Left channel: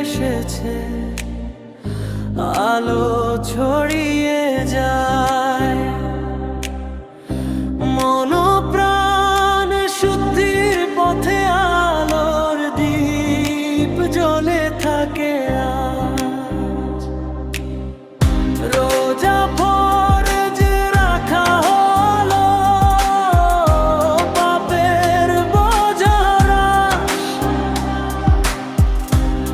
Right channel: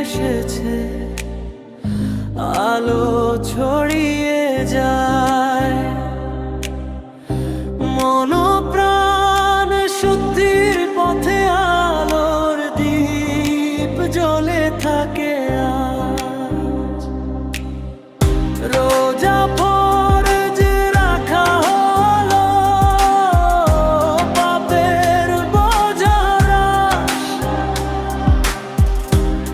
এসেছে, আলো ছড়িয়ে যায়, মন প্রাণ শুদ্ধির পথে আলোর দীপ জ্বলে থাকে আজ। রোজা ফরজ রাখা হলো, পাপের বোঝা হ্রাস,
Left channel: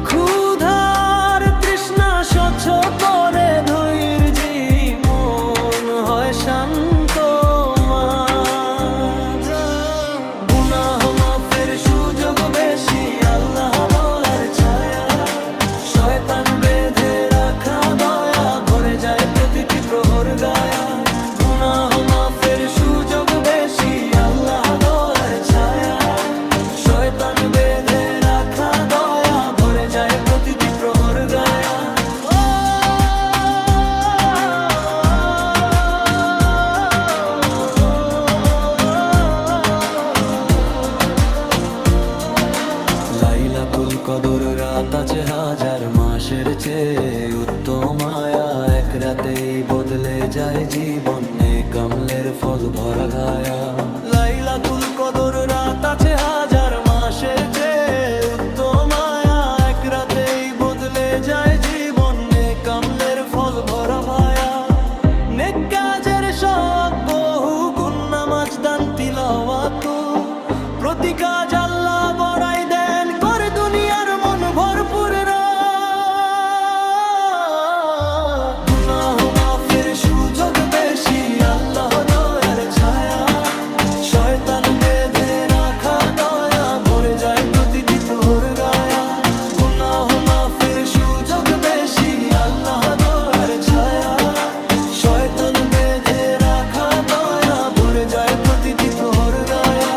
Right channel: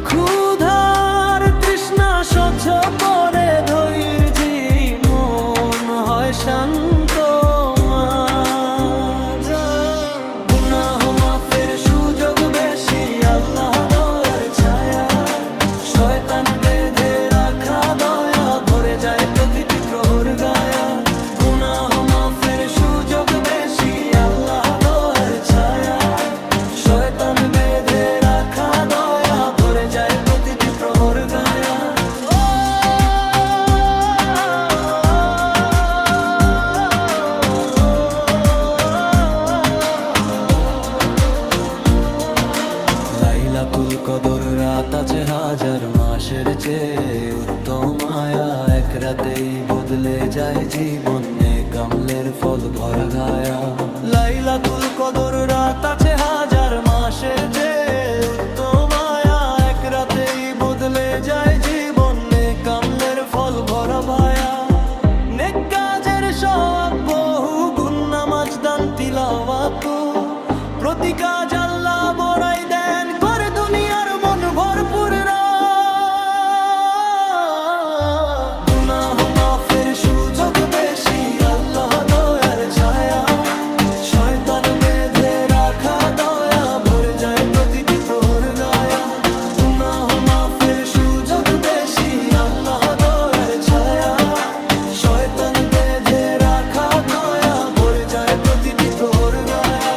ক্ষুধার তৃষ্ণা স্বচ্ছ করে ধৈর্যী মন হয় শান্ত। গুনাহ মাফের সুযোগ বেশি, আল্লাহ দয়ার ছায়া, শয়তান বেঁধে রাখা দয়া ভরে যায় প্রতিটি প্রহর গায়া। গুনাহ মাফের সুযোগ বেশি, আল্লাহ দয়ার ছায়া, শয়তান বেঁধে রাখা দয়া ভরে যায় প্রতিটি প্রহর গায়া। লাইলাতুল কদর রাত আছে হাজার মাসের চেয়ে উত্তম আয়া, এক রাতেই বদলে যায় জীবন, নেক আমলের ফল ভরা গায়া। লাইলাতুল কদর রাত আছে হাজার মাসের চেয়ে উত্তম আয়া, এক রাতেই বদলে যায় জীবন, নেক আমলের ফল ভরা ভায়া। নেক কাজের সব বহু গুণ, নামাজ দান তিলাওয়াত, প্রতি কাজ আল্লাহ বড়াই দেন করে দুনিয়ার মন ভরপুর। গুনাহ মাফের সুযোগ বেশি, আল্লাহ দয়ার ছায়া, শয়তান বেঁধে রাখা দয়া ভরে যায় প্রতিটি প্রহর গায়া। গুনাহ মাফের সুযোগ বেশি, আল্লাহ দয়ার ছায়া, শয়তান বেঁধে রাখা দয়া ভরে যায় প্রতিটি প্রহর গায়া।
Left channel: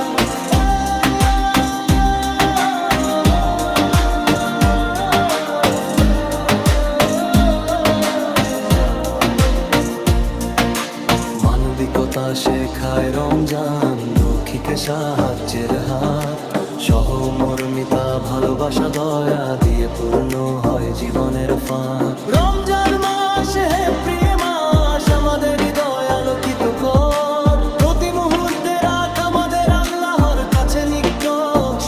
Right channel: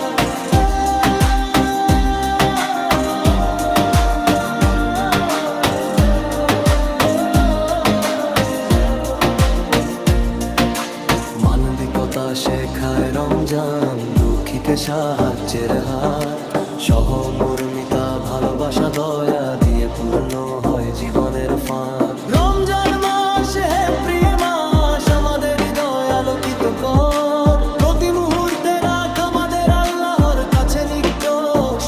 মানবিকতা শেখায় রমজান, দুঃখীকে সাহায্যের হাত, সহমর্মিতা ভালোবাসা দয়া দিয়ে পূর্ণ হয় জীবনের ফাঁক। রমজান মাস হে প্রিয় মাস, আমাদের হৃদয় আলোকিত কর, প্রতি মুহূর্তে রাখ আমাদের আল্লাহর কাছে নিকট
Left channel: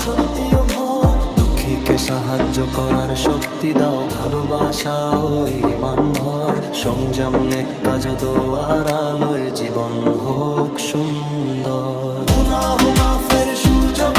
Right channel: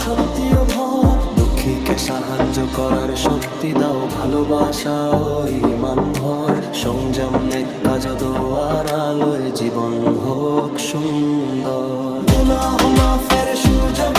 সত্য ও ভর। দুঃখীকে সাহায্য করার শক্তি দাও, ভালোবাসা ও ঈমান ভর, সংযম নেক কাজ দোয়ার আলোয় জীবন হোক সুন্দর। গুনাহ মাফের সুযোগ